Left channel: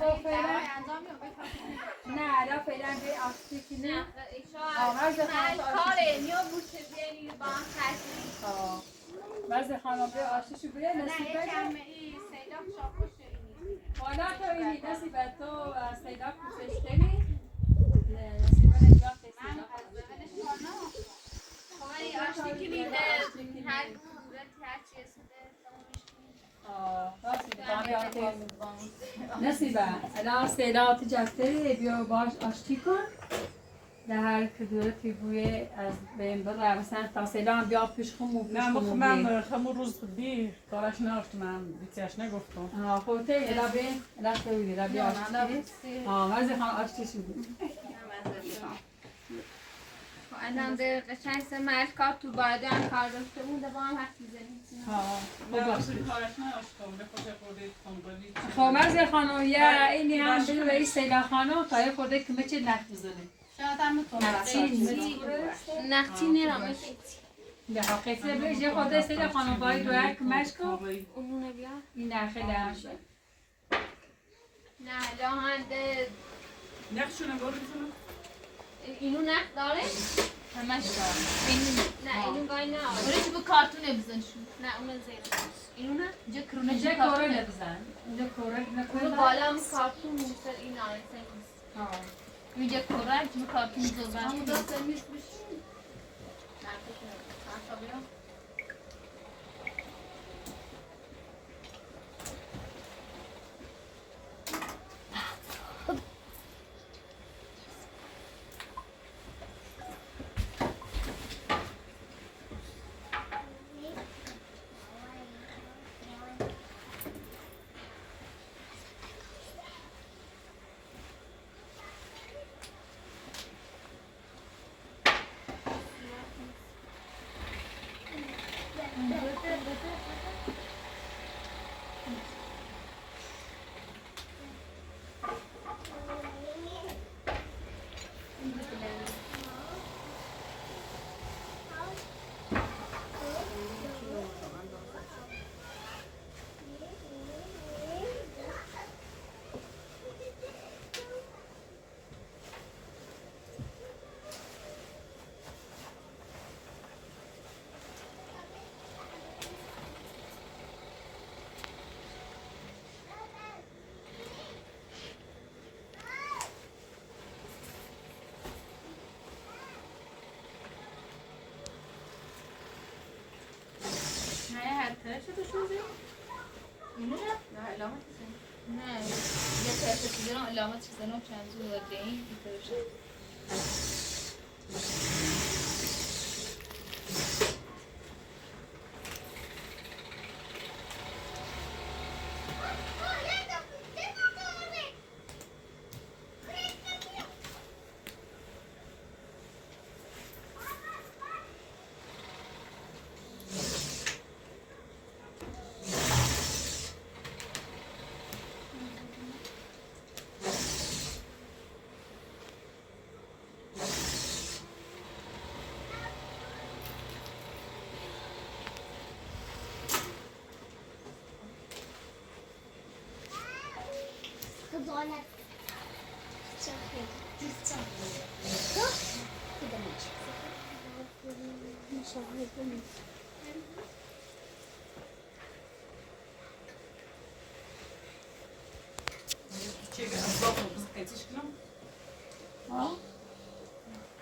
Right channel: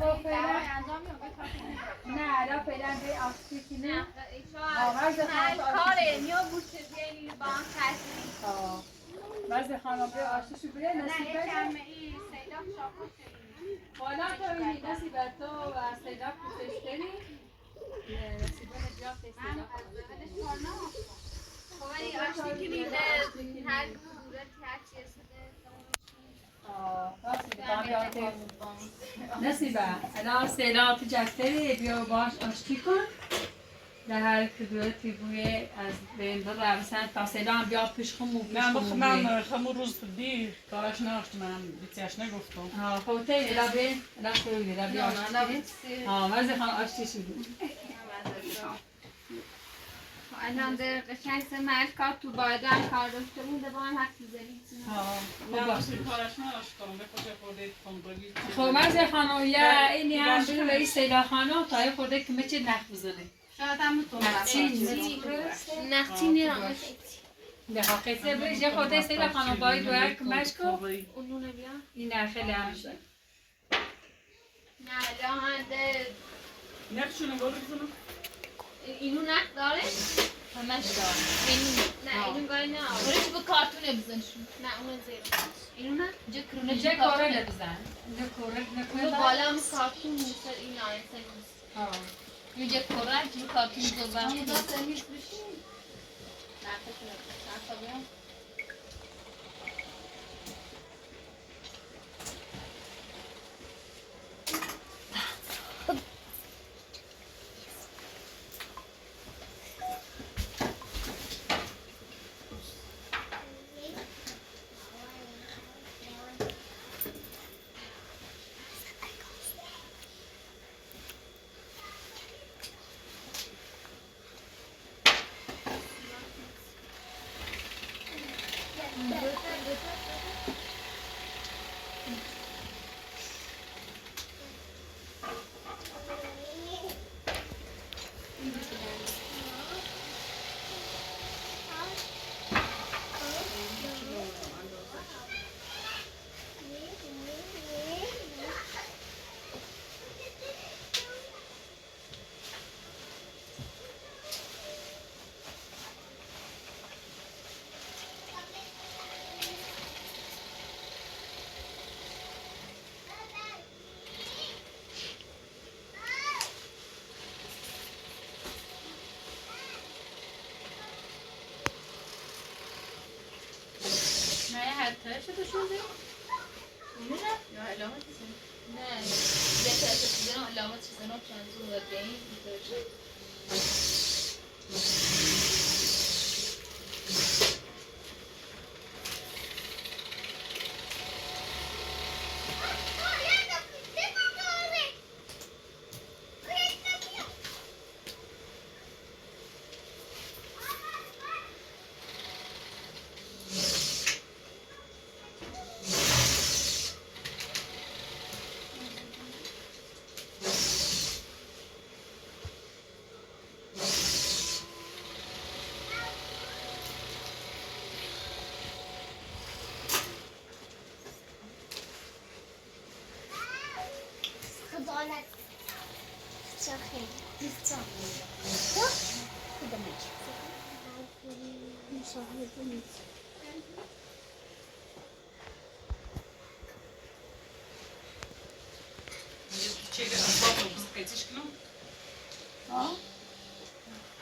خب فعلا نه الان فعلا به آسیسی نه آغاز کاره یا بوشه بیاری با هم خرسیم بعضی خانم به آشیشو بیه نصیبه حالا تو اینی نصیبه تو و سیداب کسیش کنی نصیبه نجاب سیداب خواهی آشتی کنیده هر کدورت هر چی نصیبه الان سیداب جفتری بیا باش آشتی کن در هر کدورتی بوی از بین بره مثلا تا سیدا هم بیا پیش خمو پیش خمو بوی من خمو روز دی کارش نگفتم بیتیش نگفتم خب تو الا بین الا تویدی الا بیا آشتی مزه خان آشتی شدی الان در قشنگ سه مرد کار تو باید هم کار داشته بوده با هم حرف میزنید کارش نگفتم ده کجا خورده تنبالی خب مزه خانم یا اینی هم بگو به این سیدا خانم تا یه خورده که چه نخ بزنه شاید هم نخچی میرم بخوا قصه بهش یه خورده سیدا خانم باید دوی کمش کن اونونه بیا این نخه لمشه نه لحنده نخشونه بزنم اینو نخ داره؟ همش داره نه اینو گاهی نه برای چی با کارتونه بزنشون نه اونو زیر اینو نه اینجا کرونه اینجا کاره نبزن اینجا کاره اونو بالا هم کارتون نیست این آیسه نیست اینجا کاره اینجا کارتون زربان همون دست امیش بشین نه تا بیام طرف شده شده؟ اینو نه؟ نه علامت چیزه نه یه طرف چیزه نه علامت چیزه نه چند زور دهیم این طرف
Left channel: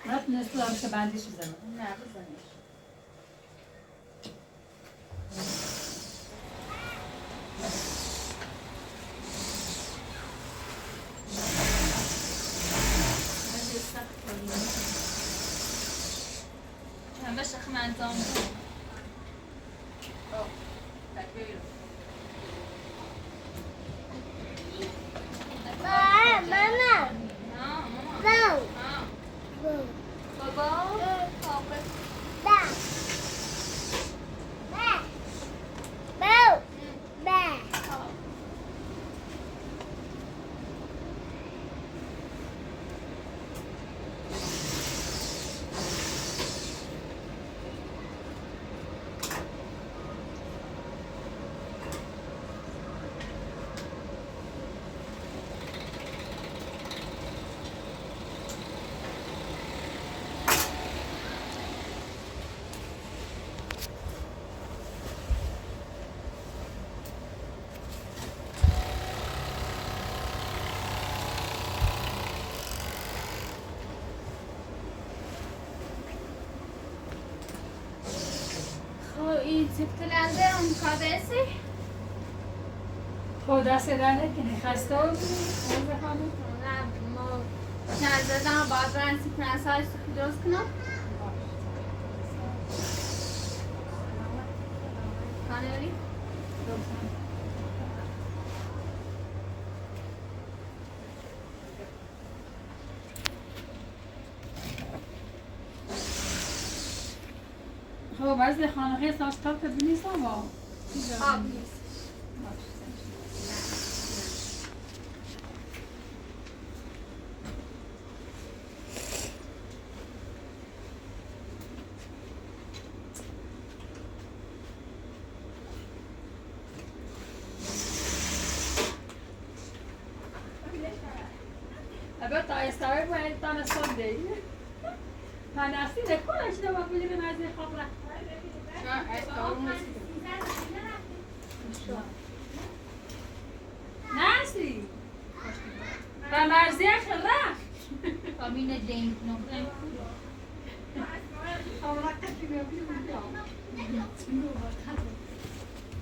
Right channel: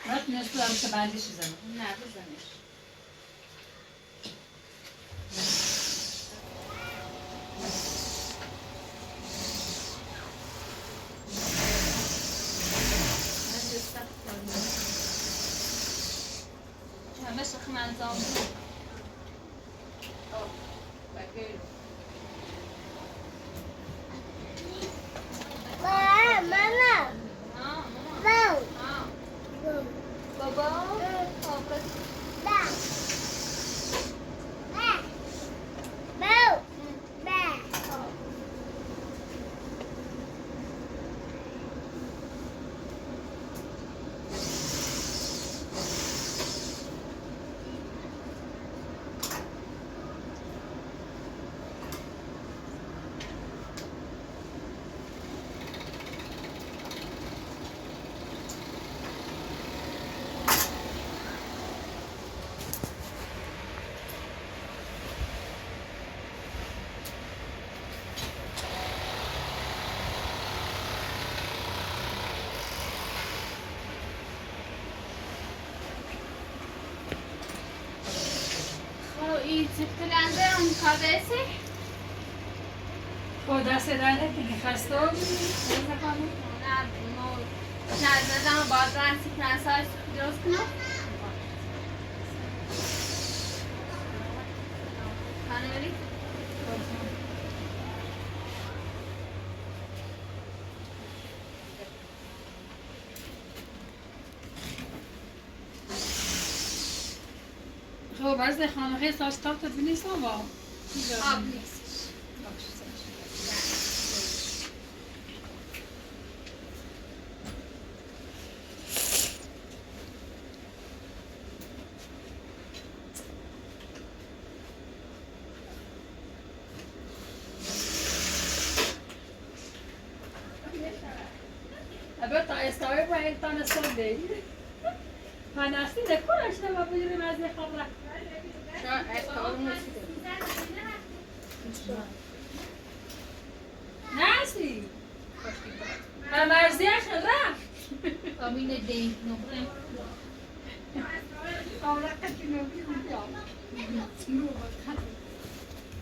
نتونستم که بندش بزنم نه بزنش همه شخم انجام بود سیفتلنده اون کادسی با دست در نکنی خسته ها بودی؟ نه ما نزدم و باید برن سیکنس های سیخ درست کنم خانه بری؟ تو بعضی خانه ساز تاکت بینیست با آب نیست البته استوری با این تان ساده پناستی نکنش نبا بگیریم از این خبره نسی و مرزی خلا کابین دین نبرم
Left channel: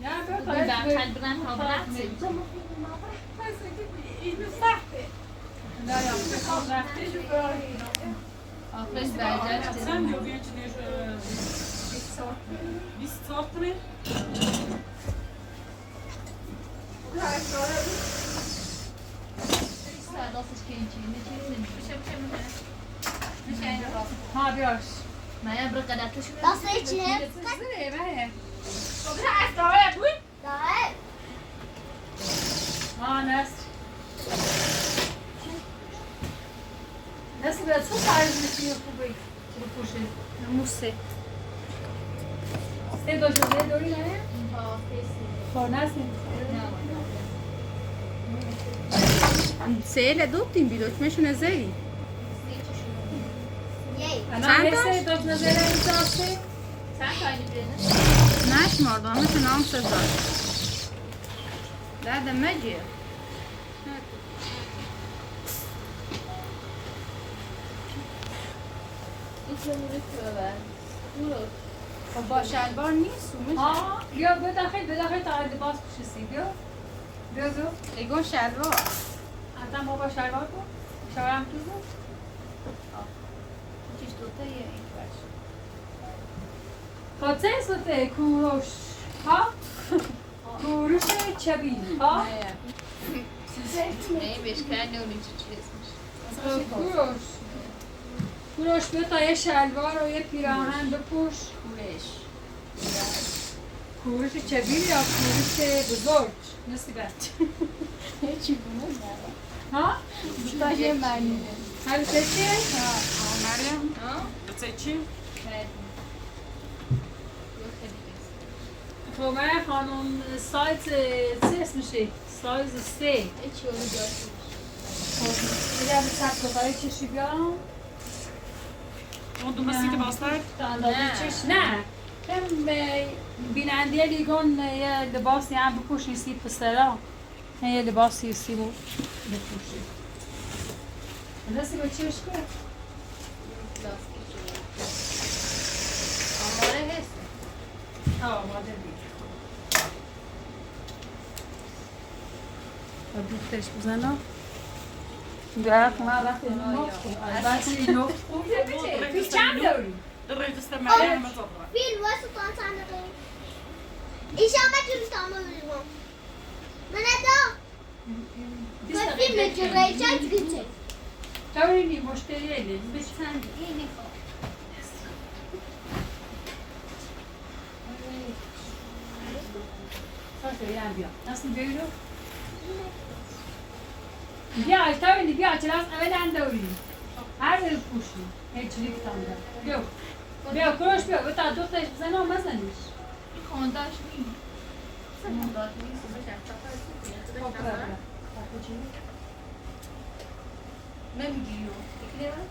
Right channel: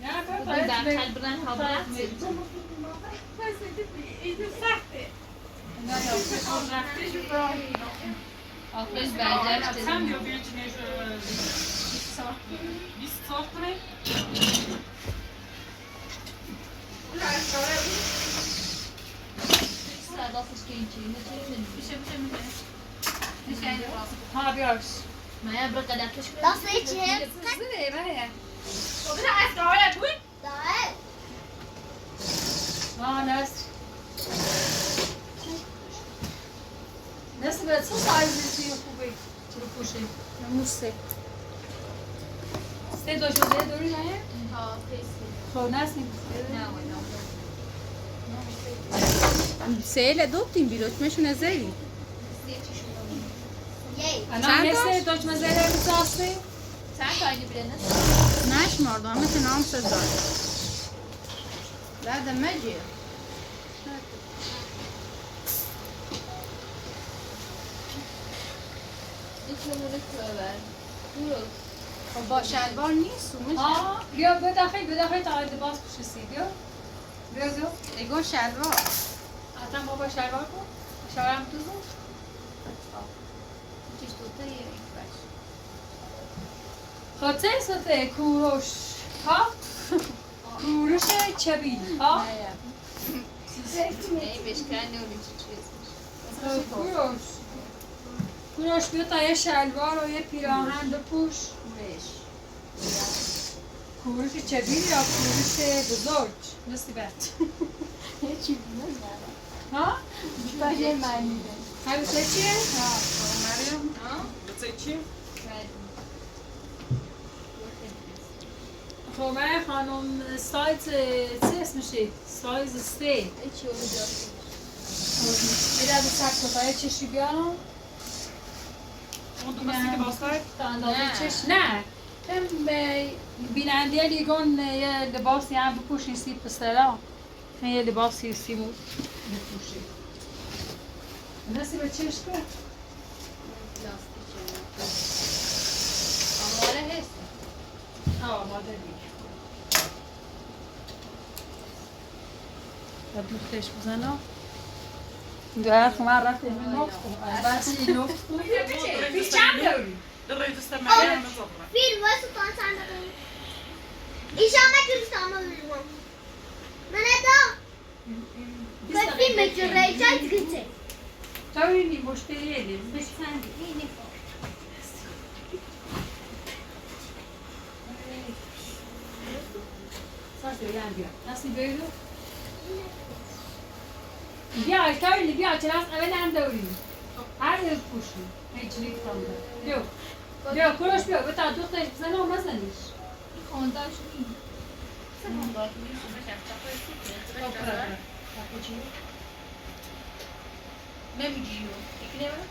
نه برخل برن ها برد نه یا آخرش برگشت Sen diyor bir içine 20 saat mi? دستش که این چیزی میشه میشه این راست ها بیارش مایا برو قدرتش دسته چیه؟ زنه بله خب بذار اسرائیل بود داره ها نست نست به چه سایزی خوبی چرا پوشه موسه سه دو جوزه دوری نه ها فیسی خب نستی سهل دوبتیم بیلوچمشون زری یی چند نستی دوچ مزره بیزاستی چند تا اگه برنه نشمردم همه نام سزار ده مجیه میتونه موری ببر برو خب با شلوار نیست و میشه ها بیا بداخل تا لباس پوشیسی بیا دو ایگو شلوار حتی ما با شلوار کن شلوارم تو بود چیش دوتر یه این باش خاطر سوته کوروش ها کوروش چبی ها ای بشکن نوری چی اسمش کوروش بیا تا یه شلوار و یه پیراهن بپوش کوروش چبی یا کوروش بزرگ نصیبت چی بود ها؟ تا یه معنی همیشه چیه؟ Meryem, seçeyim. خب من خانم سایز چه اسمشه؟ سایز 3 ای چی رو داشت میره به سخت برای چشی بیارم Ama dolayısıyla ki baslar. تا اندازه چش نه بیننده لیگون یه لباسی هم بپوشی سی پسرا یه لباسی سی بپوشی رسی به چش که؟ آماره هست آماده دیگه با دوختش بزنم در خمار رفت نفت کن بس این نفت کن پیش چند داری؟ Direkt üstte Meryem'e zaten. فیلم واسه کن چند دقیقه ایشان مکتوب تمام بیرون من ادا فیلم جلوی چند گنچه تاوری مشتری ایدیم بش چند اینی خب ساسه یه هم بیا نسی بیرو بیا تاوری بیا چرا از اول انداری هر روز پوشی هیچ لیک تام دار بیا کروش بیا بتا دوستش بزنه و مزنیش خانداش نیم خانداش نیم نمیجیو یکی نمیم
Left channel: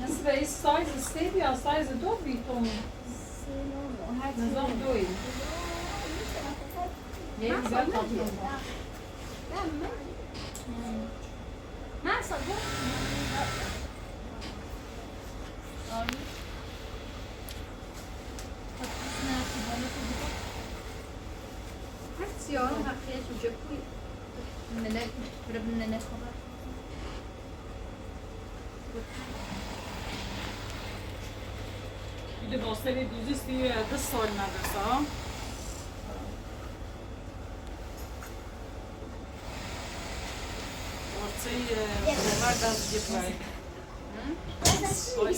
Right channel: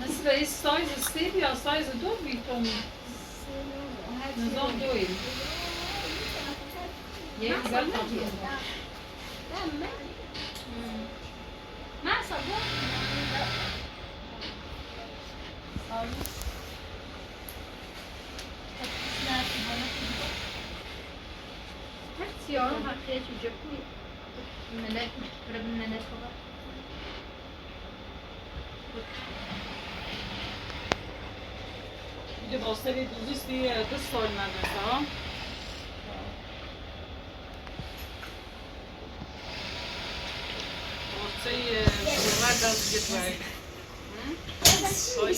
نصف این سایز سه یا سایز دو بیتون نظام دوی یه ایزار تابلو من صبور سیاه هم خیلی جوجه کوی. ملك ربنا نسمع Bir de Bosna'yı düzüz bir kız sormadı sağ. Ortayı şuralar da götürmek.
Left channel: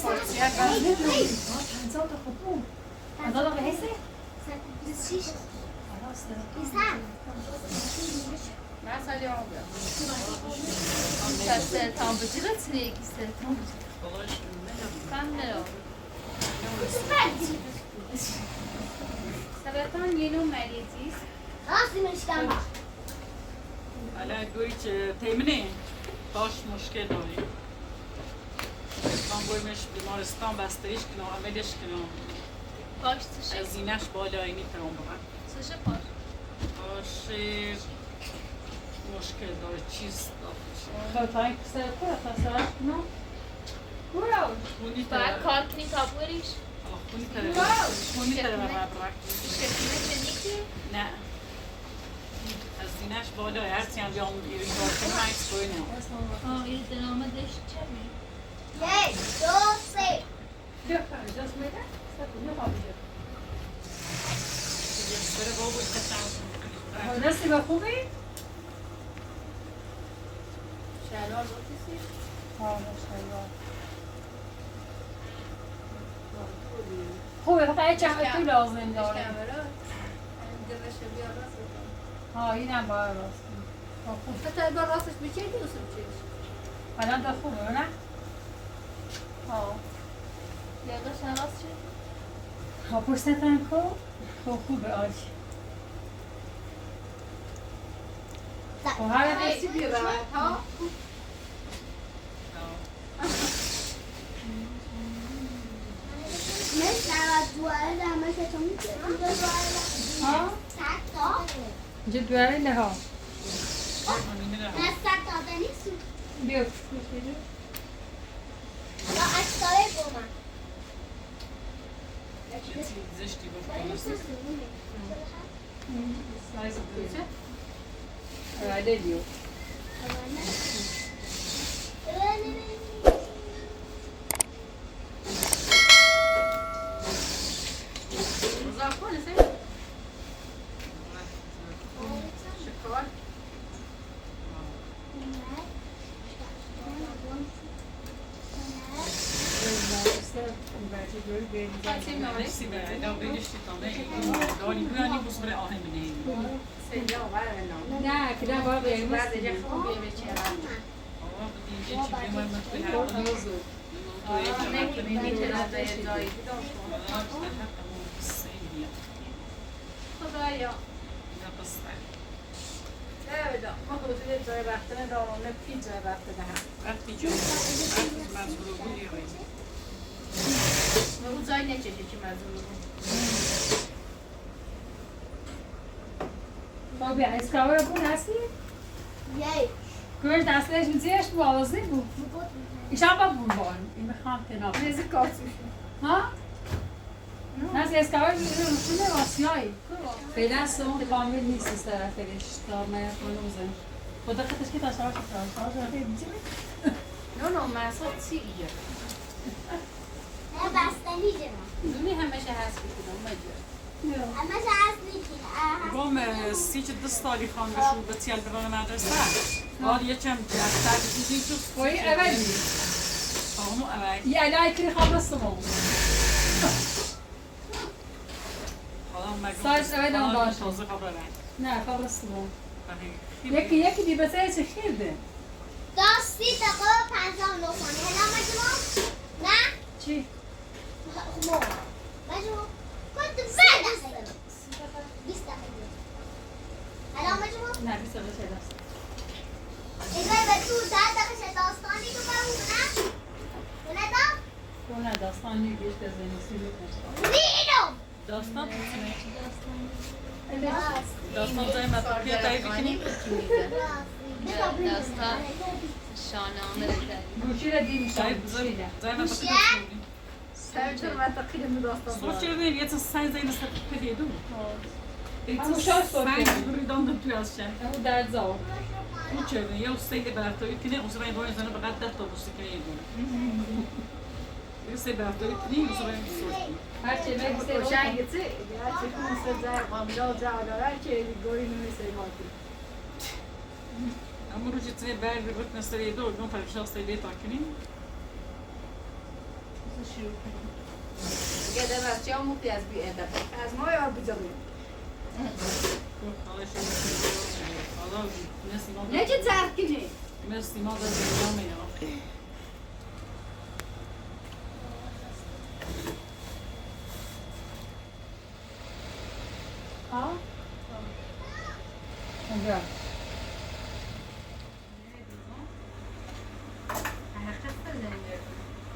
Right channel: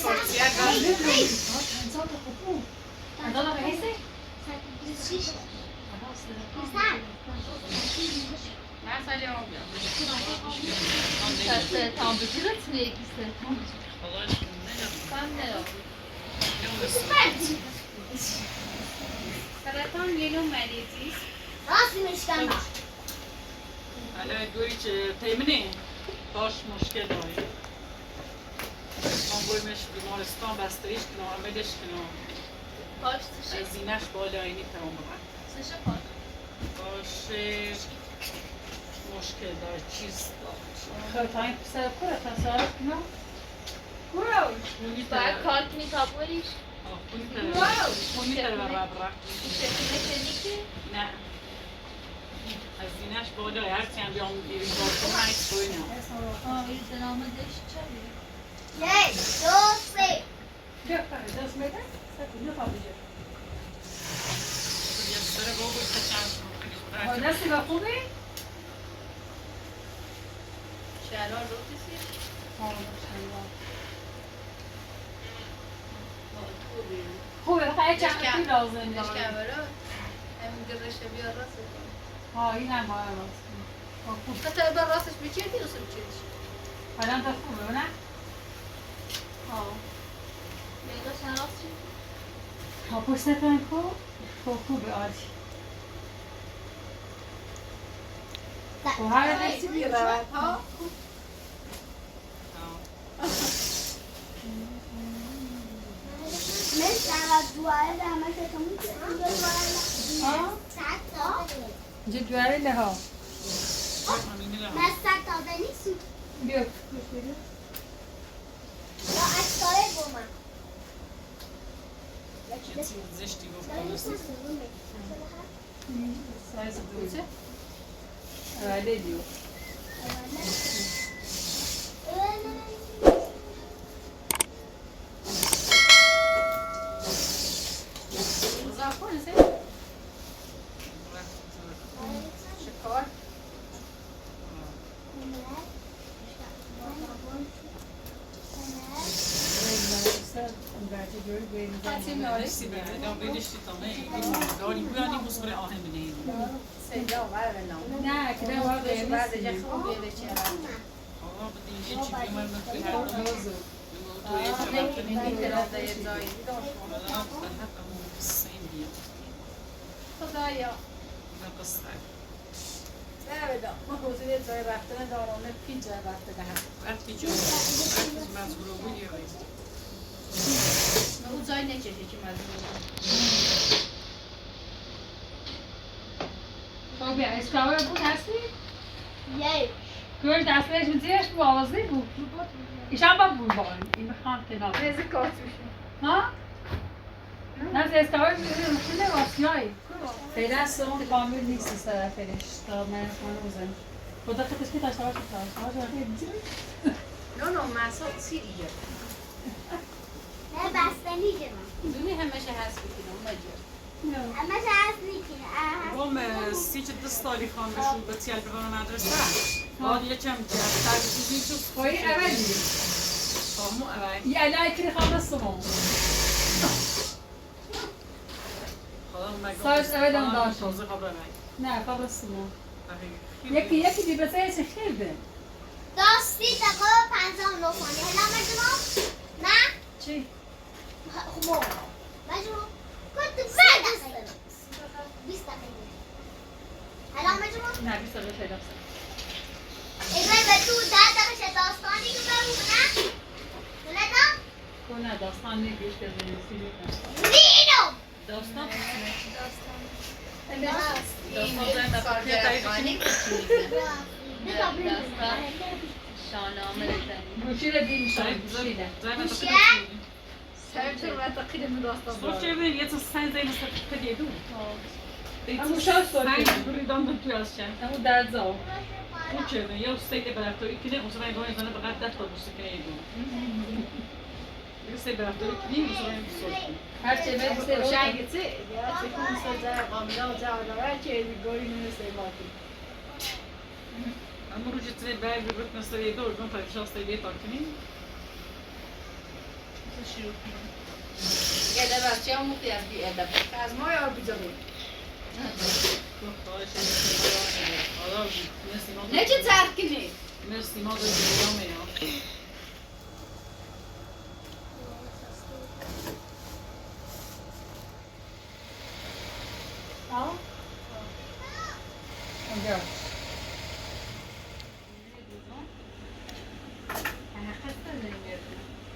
Ortaya geldi. تنزل تخبوه هذا بحسه Ben sadece olmuyor. tam bıcırıt ne ikisi tam ben ne oldu سرطان یه نوع مریضی است راستی مشکم Hala göğüç temini baş müşkil dاری. من بایمش بیمارستان بستریش کنم عملش کنم باش تشه زینش بالایینی تمام ببر تشه باش باش مشکل داره چیز داره خب تا این پسر کره تا سرش کنم کره خونی باید کار کنی تا بریش خونی تره ببر برک شکونه کنیکی نه از زینش بالای هرچی هم بیام بیریم کار کنم عکس بایینم این دنامه داشت چه بید یک دو سه بیا فرد دست میده سکو بیا خوابیده بره بابا کچم دستی با خوبی؟ شلوار رو کسی خوبه فقط چند توی لازم داره همین گذاشته بیا راست ها این هم باید راست خوب حتی اگر راستش بچه دیروز بچهش الان تا خوبه نه؟ ها یه داشتن راست شد ها پشتتن خوبه آجی و هر دستی بیا برد ها مثل دواره در مکتون ها؟ سک داده اینجا دواره لها نه سک داده نیست بیا یا اکتاره بومم زشتی ولی گفتم نیست سایز دوچه؟ اوله بیو نفسی برای دا بیدشتی تامه داری بویانی بوز بره آهم بینید نه که باید قیمت آقا بدینجه چی بیمار من توی هر دو توی چمت کنید الحق همون قصه این بیا خدایا نه قصه جای رفتن دارانه پی جای رفته دهم. وقتی جایی از برو بودی او جای نکشه که مزمون خب بیا اسکاور بود هستی؟ یک کورش دستش زیرش موازی بود ایشان با بود بان این بخوام کنار ریزی کارت میشه ها؟ نه اسکاور روشنه واسیایی فعلا سون کامل نیست از طرفش تا من خانه بزنیم خدا خودش که تاشتاش خیلی دیگه نه محصاب سی ایجا نه بستنی جمع دونی همشه هست بکنم مجبور همه جا هست نیکی گم سیچ دست داری خان بشو به تیل ببرم مدرسه حال یه چم در بودیم تو خواهی اولی همو اول یه علای کلی خواب دستمون سایز اول هم داشت تازه خواب اول نه خواب دستمون یکی دی بسه چه خیرده داستی دقیقه 59 ثانیه هلا مجموع نه چی؟ خب مجموع كنت بعد 20 دقيقة هلا مجموع نه 20 دقیقه شده است إذا بدو 10 دقيقة داستاني كبروا نه تو نه داستان نیست بیش بزنی سی میکنم زینو داستان راست داستان زي ما تركيا تعيش داستان شاهنامه گوشی رو دیم طيب شاید زي ما تركيا سرچون و تقیل من داستان صور چه یه تا سنگ زي نسبت كده يدو همون شاید سوری ريدان تو از شن همون درد زاو او چه یا سید برفتاری کنه اون سوای باید زنه بقدر 10 تا بوسه کنه یدو یه سید برفتاری کنه اون سوای صور هر چه بگی روشن گیتی دیگه چه کنی سر قامله و جواداره که گوری نمیشه ماتی اما رو جتنه برگ رو مثلا یه دور دون فرق شخص تایی بیتا کنیم شروع کنیم یه در بچه هم مختی از بی ادب از ما یا بجامیم نه چه ترک کنی؟ مرسی ما داریم دیگرامه یا ها اونجا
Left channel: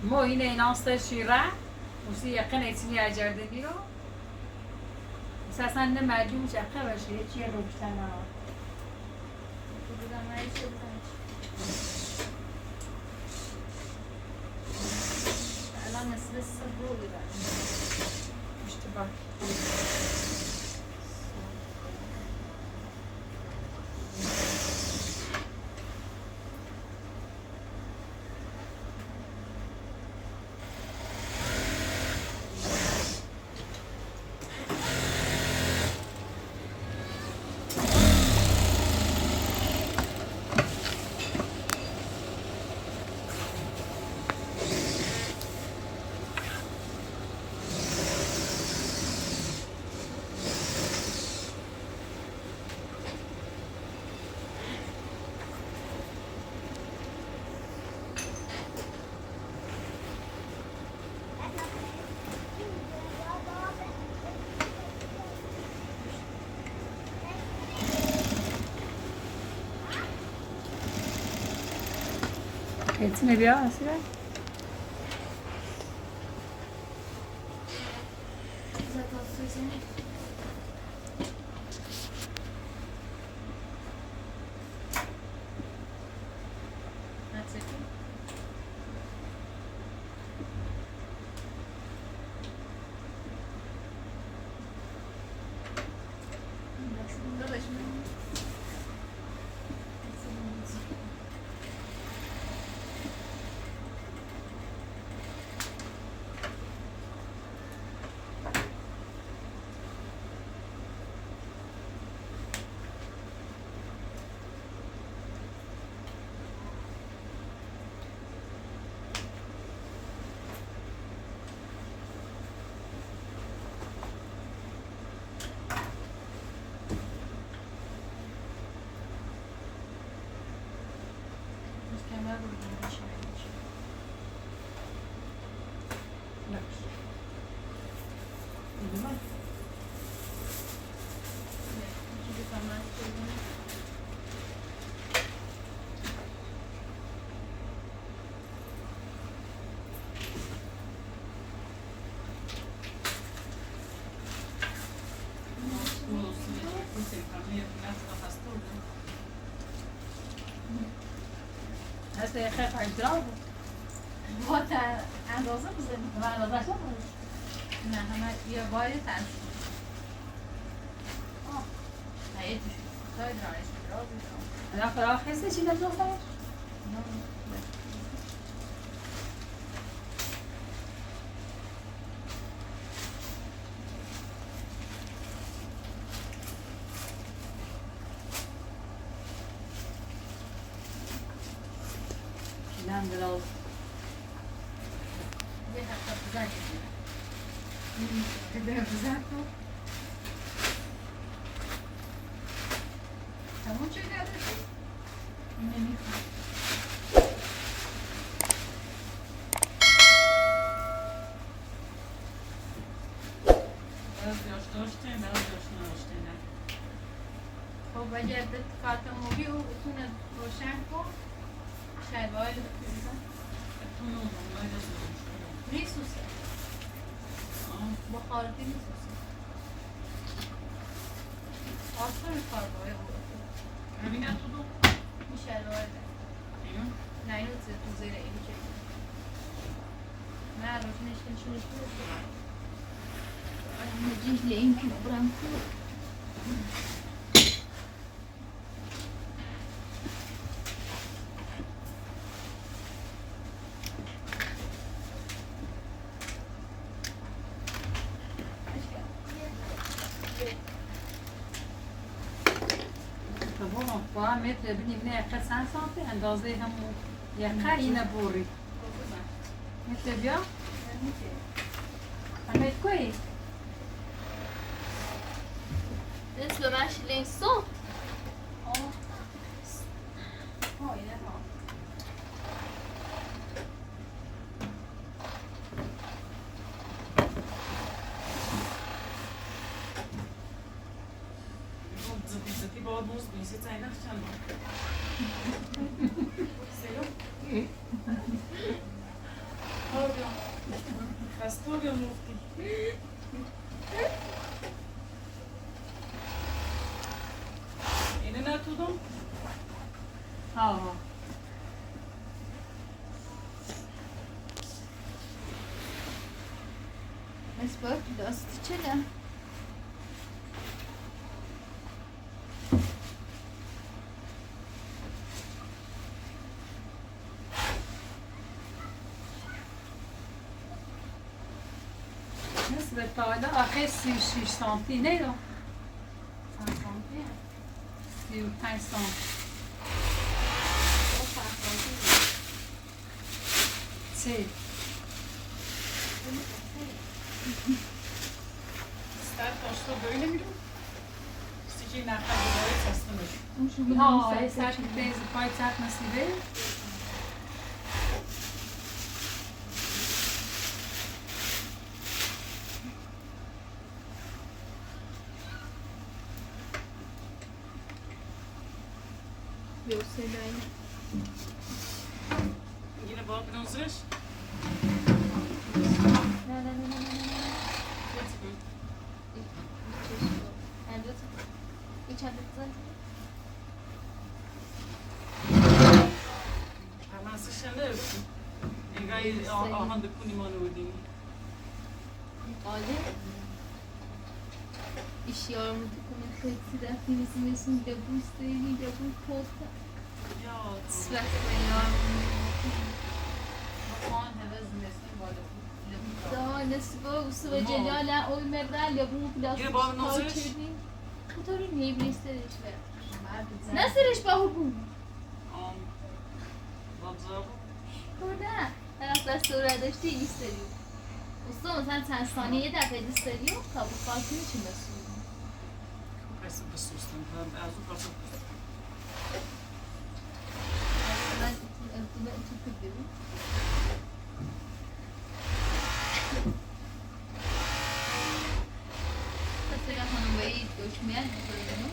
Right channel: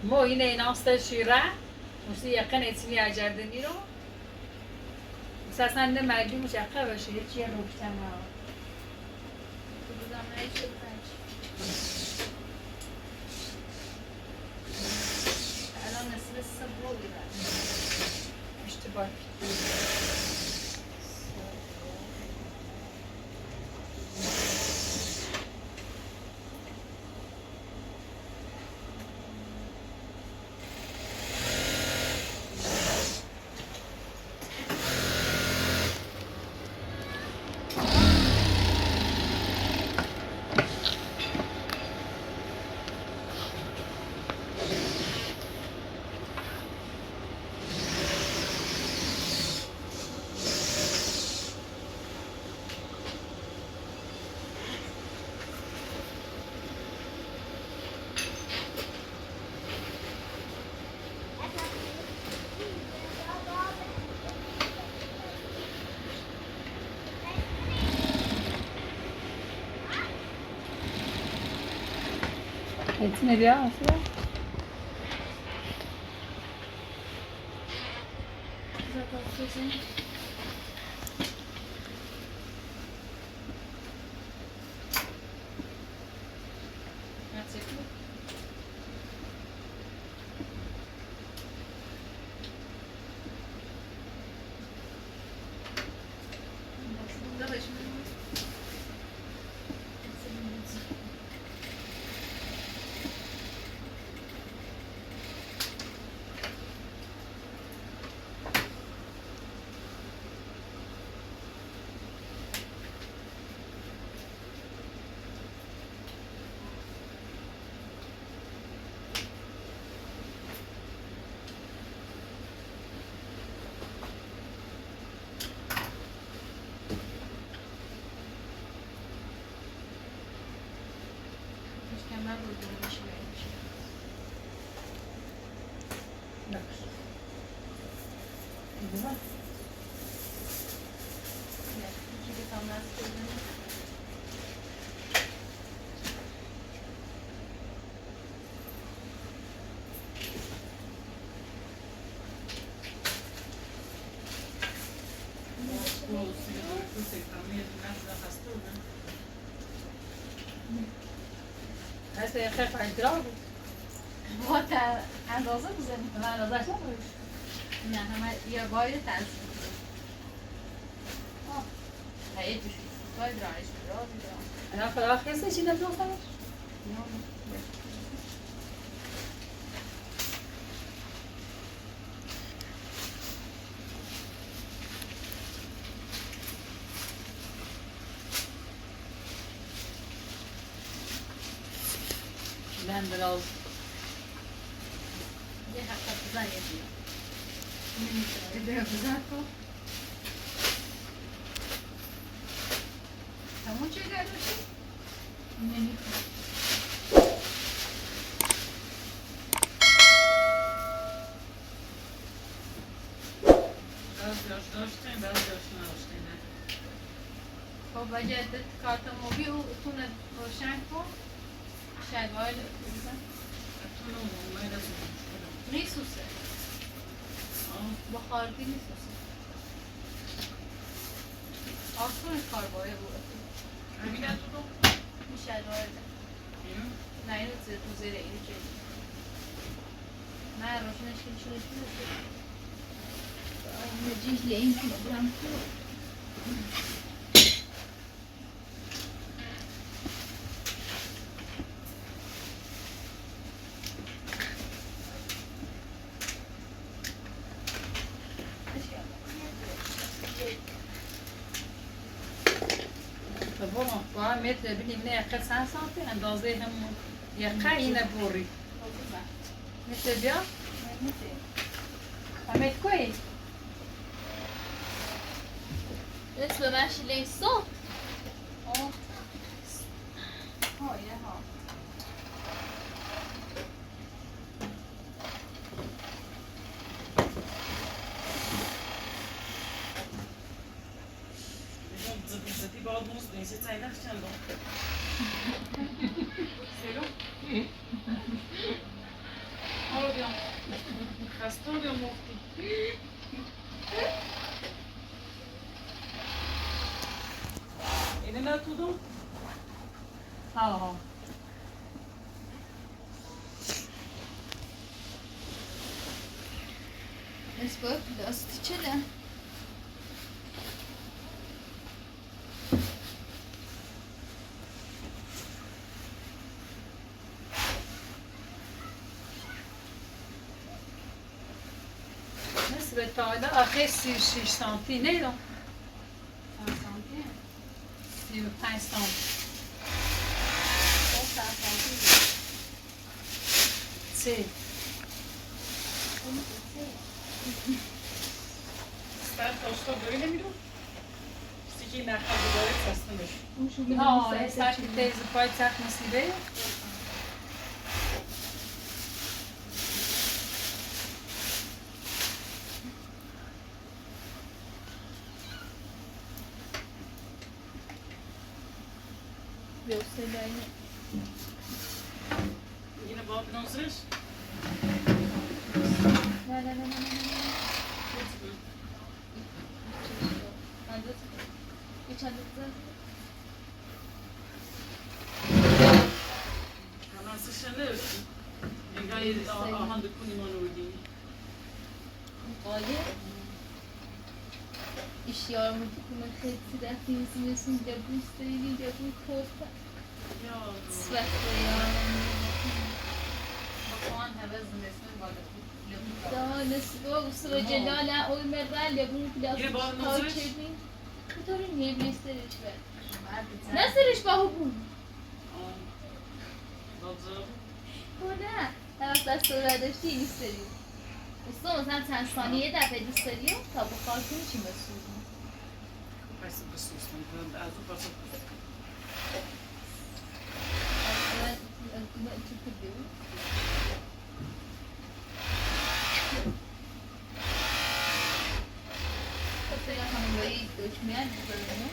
مو yine inançta şira Musi yakın etini acardani ro Esasen de merdum şaka ve şey hiç yer oluşan ha تو بودم هیچ شد پنج الان نصف صبح رو بیدن İşte bak etine bir asla مشکمل رو بیشی نمیشه bak İyi bak یکی بکنم از کردن هست یه خیلی انتراب با اندازه بزنیم من اندازش ندارم نه همه یا باید تنظیم نه یه دوشی کاری برایش برازی دارم انا فراغ هستی چی نمیدونم Ben de al. یه هفته بزن یه دونه بزن کن تمام چه داره شد؟ نمیخوام خب باید عدت کارت موبی و اتونه روشن کن شاید باید بزن نیسوسه با خارجی نیسوسه آسان کار باید بود. ببینن تو دو میشه وارده. اینو نه اینو تو زیر اینو که. نه روشنش که نشونش میده. نجیب لین کنه برام کو. با هم متر بینیم نه یقه 100 سانتی اندازه همون یقه اینه بوری متر بیا همه کوی مثل من شیلین صوت. زدی باید موز نیستی تایی نخشن با سیرو آبیام خسته آبیام مفتی اینه نه تو دم آه نسبت دست چله. نصف تایده آخه 36 سانتی نه دو 35 سانتی سی ستر تاشتا böyle mi dur? Sticky nakla böyle seslenir. ها سر تیز پای سر نصیبه Göstereyim. Yine bu abinin hazırız. Ne. Üç adet zaten. Hemen sıçranır. Engayı aman da kunimanı ödeyim. Hadi. İş yarımı tutumun hepsi de temizlesin de bu isteğini de bu korkta. Ya. Svetle yarımı. بخوان هم از نصف بالا Daha nasıl olsa ve celale oy merralle bu Gir plastik bana hazır. parçayı. Bu tabii niye bir istemiş be? Nasıl iş bahu bu? Vazgeçtim. Burada. Ben asla sonra dاشتی istediyorum. Usta مثلا چند ثانیه یه دفعه دوست داری و تا بخار کنی چی مسئول Kaysın kısıyorsun. Ben az ufak. من تو کدوم مثلا خانم بایی دشمن میکنه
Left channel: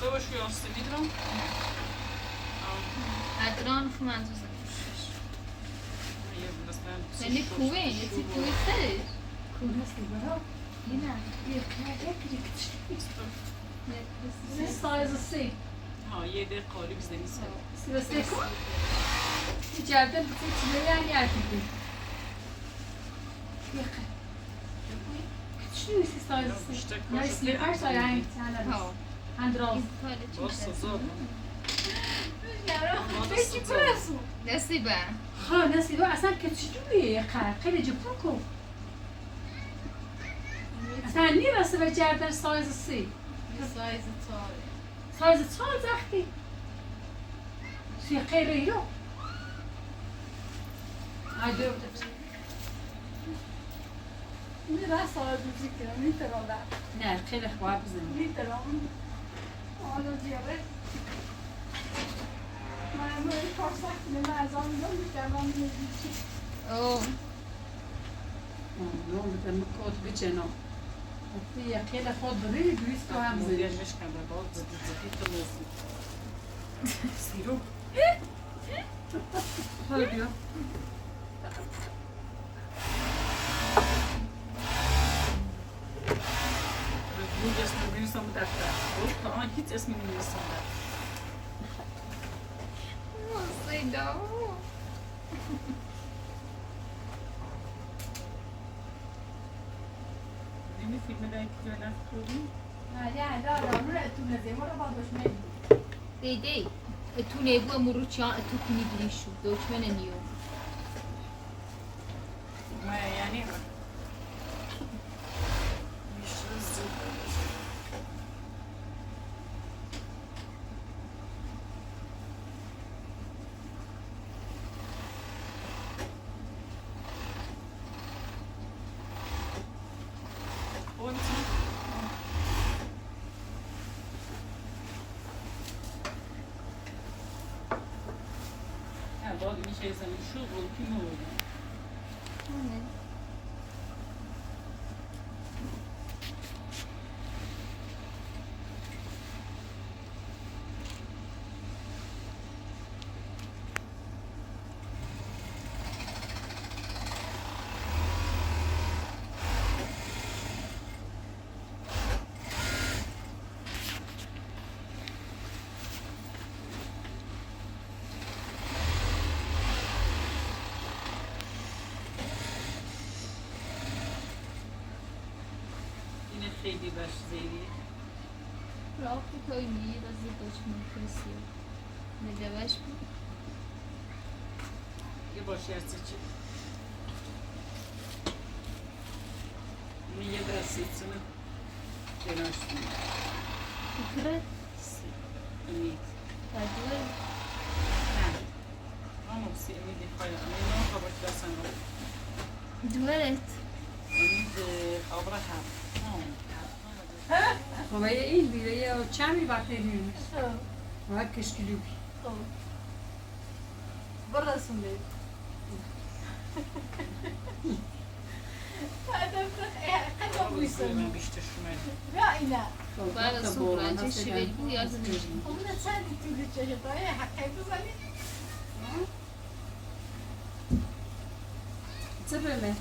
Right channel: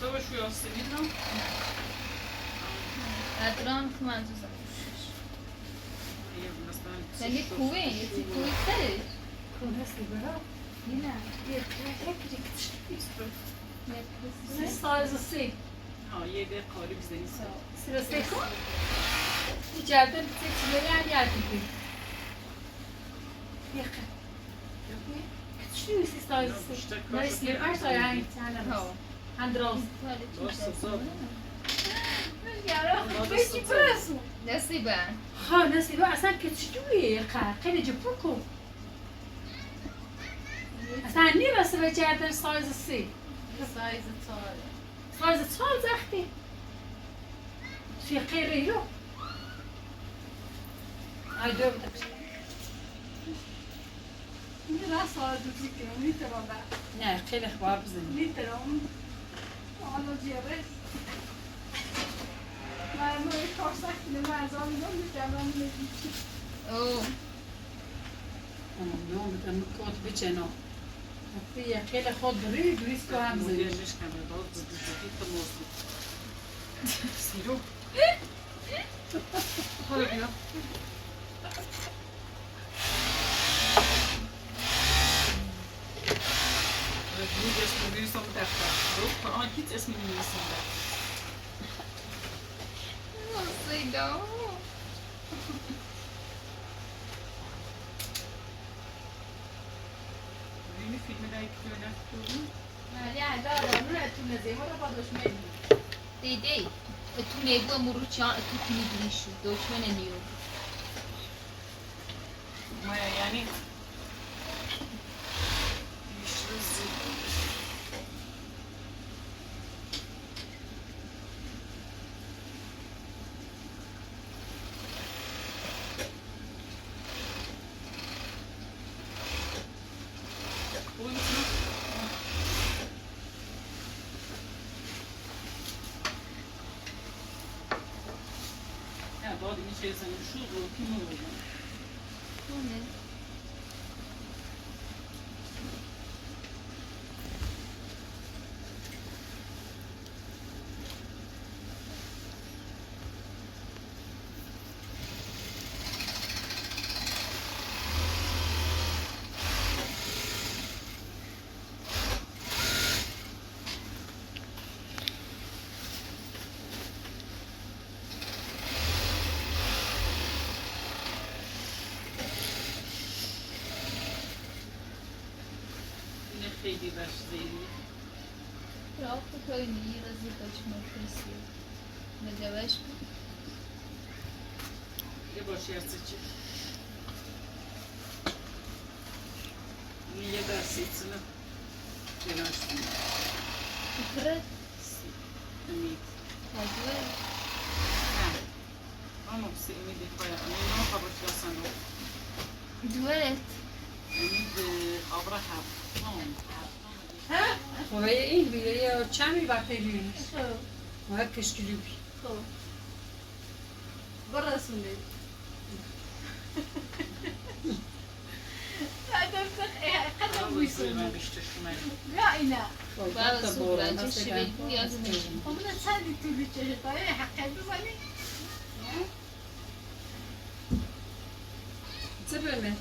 Kavaş uyansın dedim. ادرام شو منظور زنش İyi bu nasıl ben. ولی کوه یه سی کوه سرش کن هستی برا یه نه سی سایز سی Ha 7 kali bizde neyse. سی و سی کن İçeride bir çileri yan yer gibi Yakın Küçük سی سایز سی نه سلیپر سایه هنگ تنه ها اندراز Basta zor. بشی برسو نصیبه ها نصیبه اصلا کچیدویه یقه خیلی جپور کن اصلا نیرسه به کردن سایز سی سایز تاره سایز چال زختی توی خیلی رو آی دو بده این راست آرد دوزی کنم میترم بر نه خیلی خواب بزنیم میترم حالا جیابه من روی کار سختی نمه از کامیون میکنم میگی اوه نه میتونم کات بچنا فی خیلی خود داری دویست تو هم زیر زیر مشکن به باز زدی تو موضوع سیرو حالا بیا بود اسم میرسم دفتر بود قرآن هیچ اسم میرسم دفتر صدا ببینی فیلم دایی که جای دست بودی ولی الان آدم رو تو نزیمه رو با دشمن دیدی تو نیبو مرو چان تو تینی بریشو دشمن نیو مایا یعنی میشه بعد این چیزا شو بود کی بود این خیلی باش زیری راه تو کوی نیر از دشمن کسی نجواش یه باشی هستی چی این یه دستیت سنو جناشتی فکرت سی امید تجربه نه آمو سی امیدی خواهی امید نه خبرت رسن دولت امید آبرا هم خب این بیره چند وقتی بیرونش و هر کشکیلی بی خب برسونده قدم بویسون بیشتر شمالی یا اینا بعد از صبح رنجه شیوهی بو یا زمین همون سندی تولی چشتای حقی بزنی چه بمه؟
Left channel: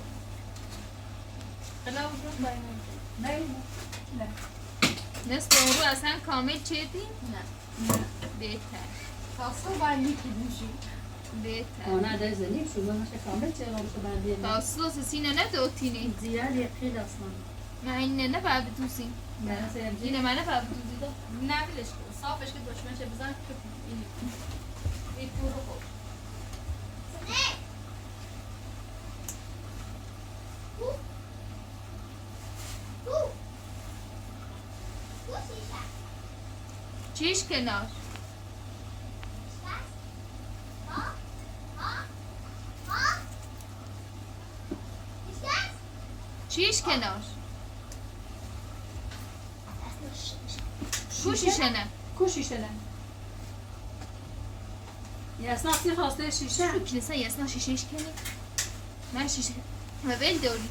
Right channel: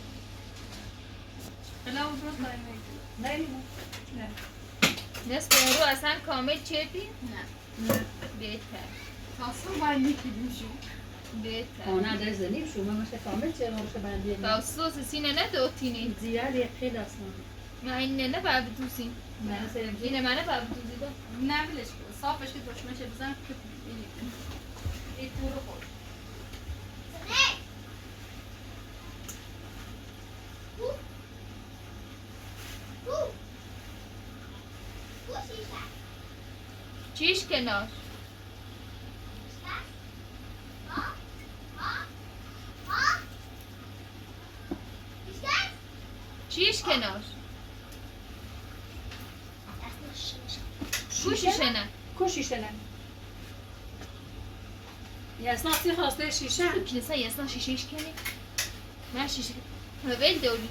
خلا برو پای میگه نه نصف اون رو اصلا کامل چیدی؟ نه بهتر تاسو باید میکیدیم شو بهتر آنها در زنیم شما مثل کامل چه روش بندی تا سوس سینه ندوتینی زیاد یک خیلی اصلا نه این نه باید بتوسین نه سرم اینه من باید بتوسی دا نه بلش کن صافش که باش میشه بزن که این پورو خود چیش کنار چیش کنار کوشیشه نه کوشیشه نه یاسنا سی خواسته شیشه کلیسا یاسنا شیشهش کنی من شیشه و بیل دوری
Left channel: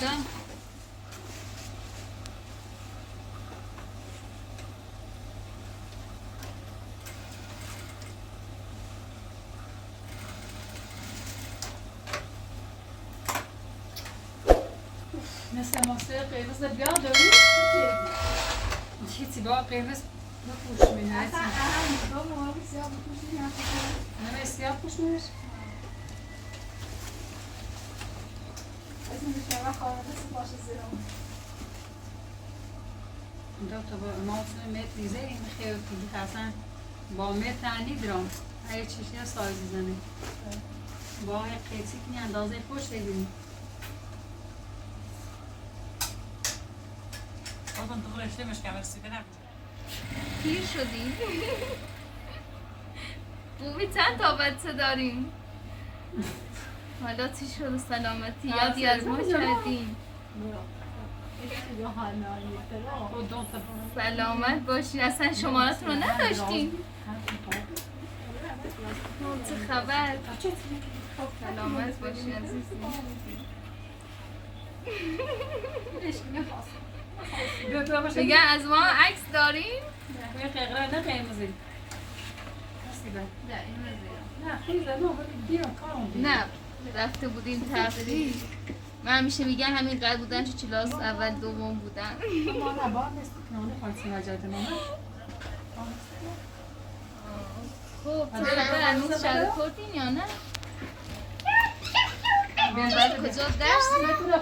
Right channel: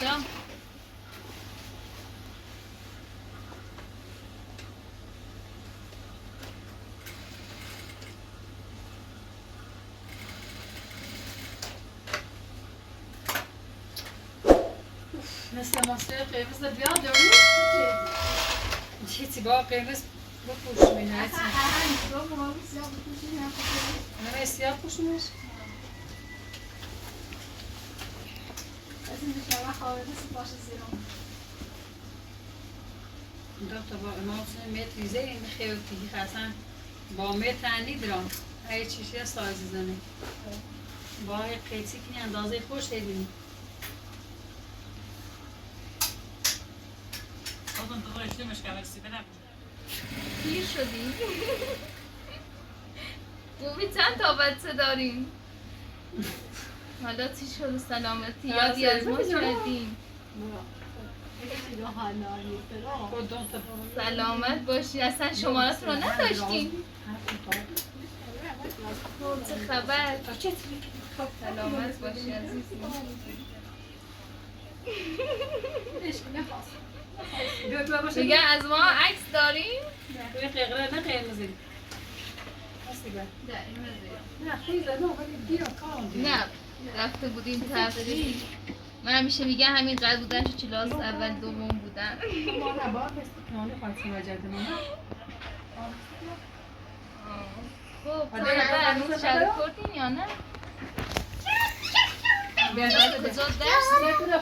دام مثل ماسه قرمز بیا دوری چیزی با قرمز بپوش مینه اصلا تو مامی سیاه بکشی نه همه سیاه پوشنش از این بشاره خواهده سپاش زیرم دو تا با امام متر ریزه این خیلی تیگی خسن با متر تنی درام های چیشی سایز زنه با های قیچی کنی اندازه خوش دیدیم آدم تو رشته مشکل سی بدم پیر شدیم بوبی چند تا بچه داریم حالا چی شد سلامتی یادی از ما کردیم خود دو تا سلامت باشی اصلا شمارتون رو نداشتیم چه خبر؟ سلامت باشی عزیزی. دیگه از ما عکس داریم؟ به قرقره نه قرمزی. نه خیلی زنو ولی بیا کام. نه رفته بودیم تفریح. من همیشه میگم همین قد بودن چه کلاس اول دوم بودن. ما نه با است نونه خالص مجاده نه. خب تو خبر هنوز شهر کردین یا نه؟ بیادار کجا درس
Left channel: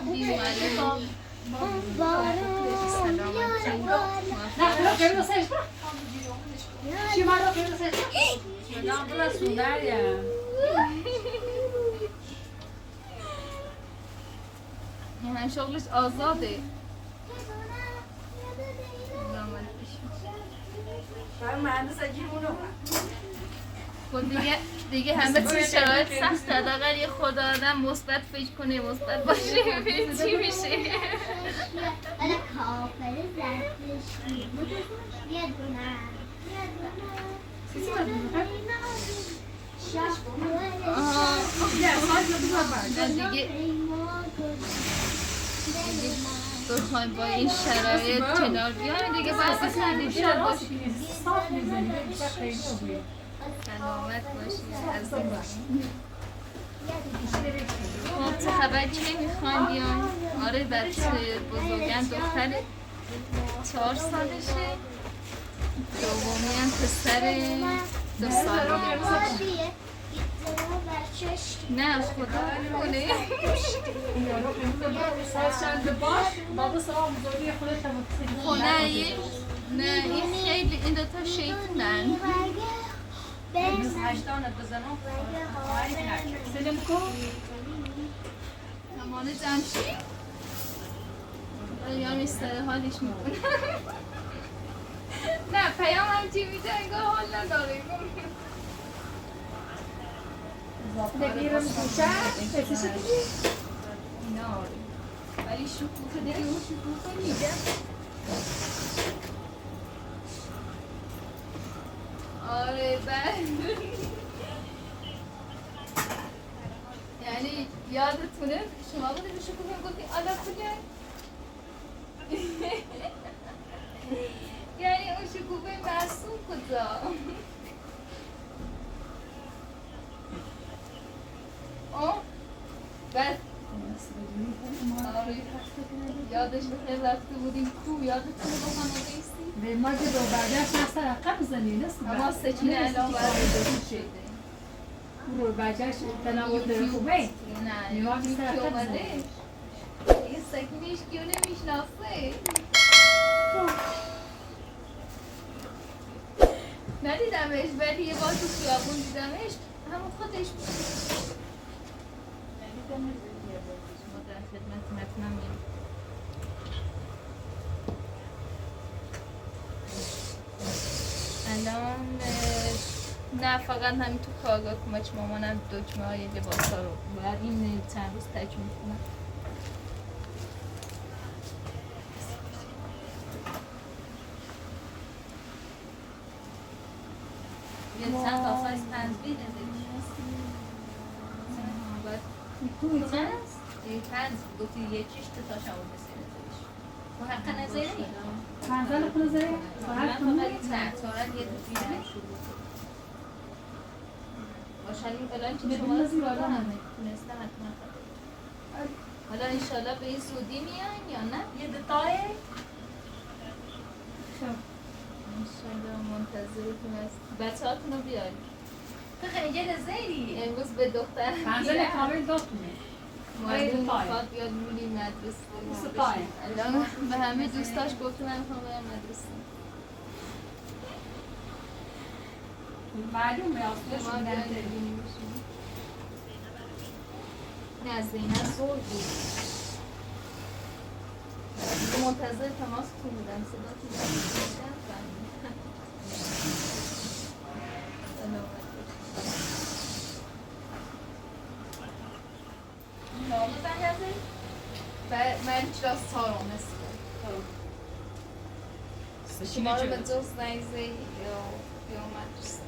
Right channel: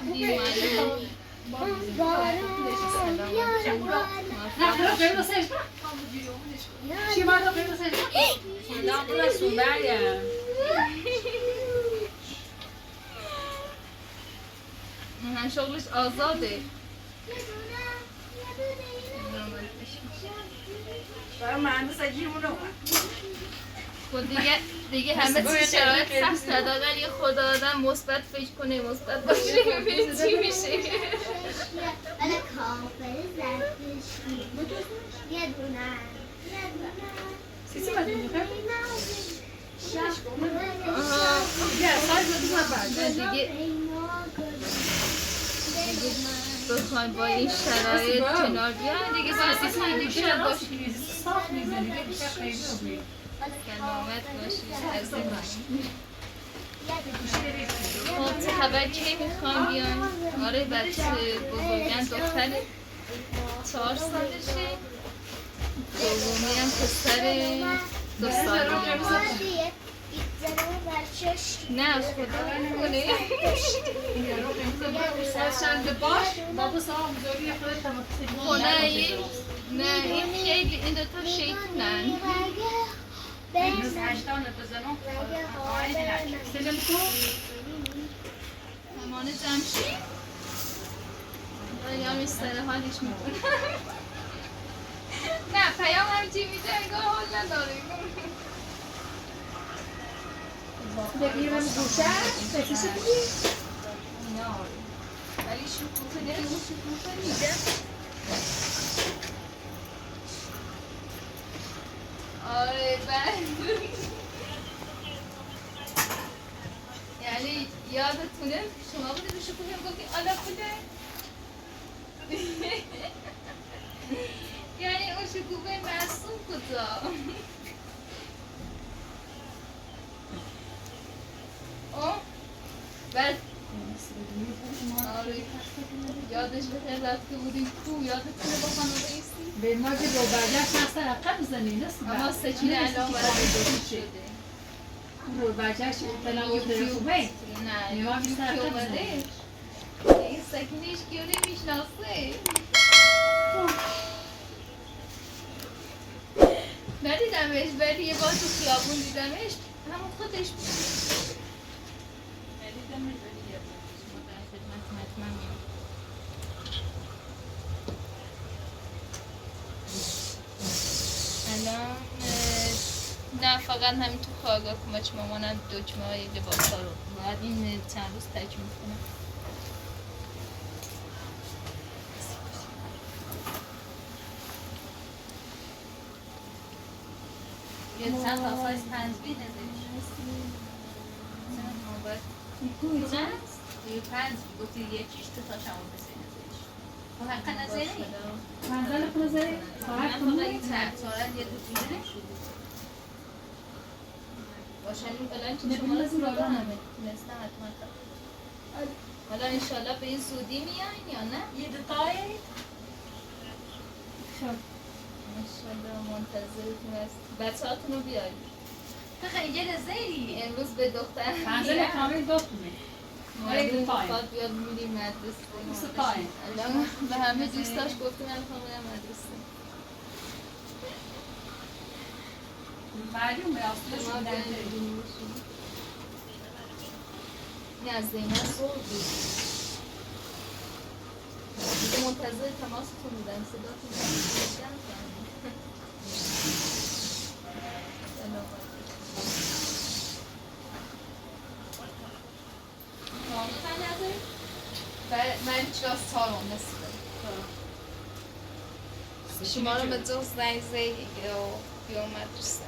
میدیم معلوم نه قرمز سش چی ما رو قرمز سش نه برای سومریم من شغلش آزاده خب دیگه همه چیز شرایط سخت کرد اگر یه خدا آدم مثبت فکر کنه مثبت باشه ببین چی میشه ولی کافر زرتشتی یه دونه سیسی باید میخوام دیگه بخوایم با این شرایط کنار بیایم دیگه بحث کنیشان باشیم صاف میزنی دیگه خیلی خوبیه سلامت باشی از خب چه خبر چی میخوایم بیام آره بچه بزرگن دختر 4 سالشه دومی هم پسر 2 ساله نه خدا نکنه سرشنده باش بابا سلام بزرگی خودت خب نه این خیلی این دوتا شیطونن سلم کن کمان جمشی یا میستر حالش میکنه نه پیام هم چی میده انگار حال نداره بگیرم دوشه بسیشی بگیر نه ولی شکوفه دیگه اون شکوفه میده آره یعنی یادتونه شما بوده به شکوفه هم گفتیم آلا کجا یعنی اون شکوفه معصوم کجا بعد یادش بخیر رفته بودیم کو یادتونه با خانواده ایستی؟ به ما که با برگشت نستر عقب بزنی نست اما سکینه الان باید شده رو برگشت تلاوت خوبه نه ما بیشتر که عقب اومده بزنی این سکینه ایش گیو نمیشناسه ندیدمش ولی یه بار تو خیابون دیدمش همون خودش بود ندیدمش ولی یه بار ما در خدمت مطمئنیم الان نه فقط همین تو کارگاه کمک مامانم دکمه های لباس ها رو باید این چند روز تکمیل کنم یه چند تا سایز 5 بیده دیدش هست؟ یه 5 گفتی یکیش تو تا شما بسیده و حق نظری؟ منزل خونه زایی؟ ساعت من فقط تحتارت یه دو دیده باشن این الان که شما رو سراغ همه تونسته حتما حالا انشالله به این زودی میان یا نه؟ یه دوتای انشالله منتظرتون است بچه هاتون رو بیارید اینجا رزیلی امروز به دختر منزل کامل دوتونه معلوم میخواد بیاد میریم مدرسه الان به همه دوستاش گفتم من میخوام برم مدرسه معلوم به آسلش شما بیارید نه زینب زور بود دیگه منتظر تماستون بودم صداتون بودم سلامت نامی بنیازه من کلاس 4 شما رو به جز زنگ زیدی یا بیان مدرسه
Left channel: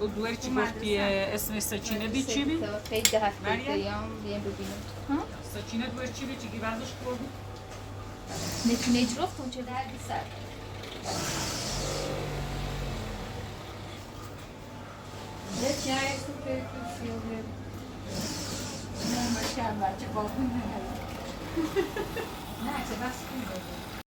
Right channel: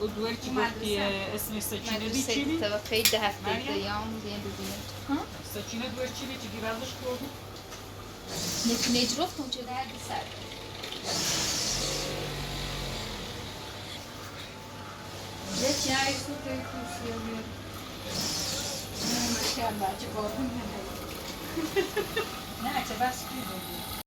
و دوری چی گفتی اسم سچینه دی چی بی؟ توقعی 10 هفته مریم؟ دیام بیان ببینم سچینه دوری چی بی؟ چی گیوندش کردی؟ نجرفت اونچه در سر یکی نه یک سوت کسی بود نه چه بچه بابون نه چه بس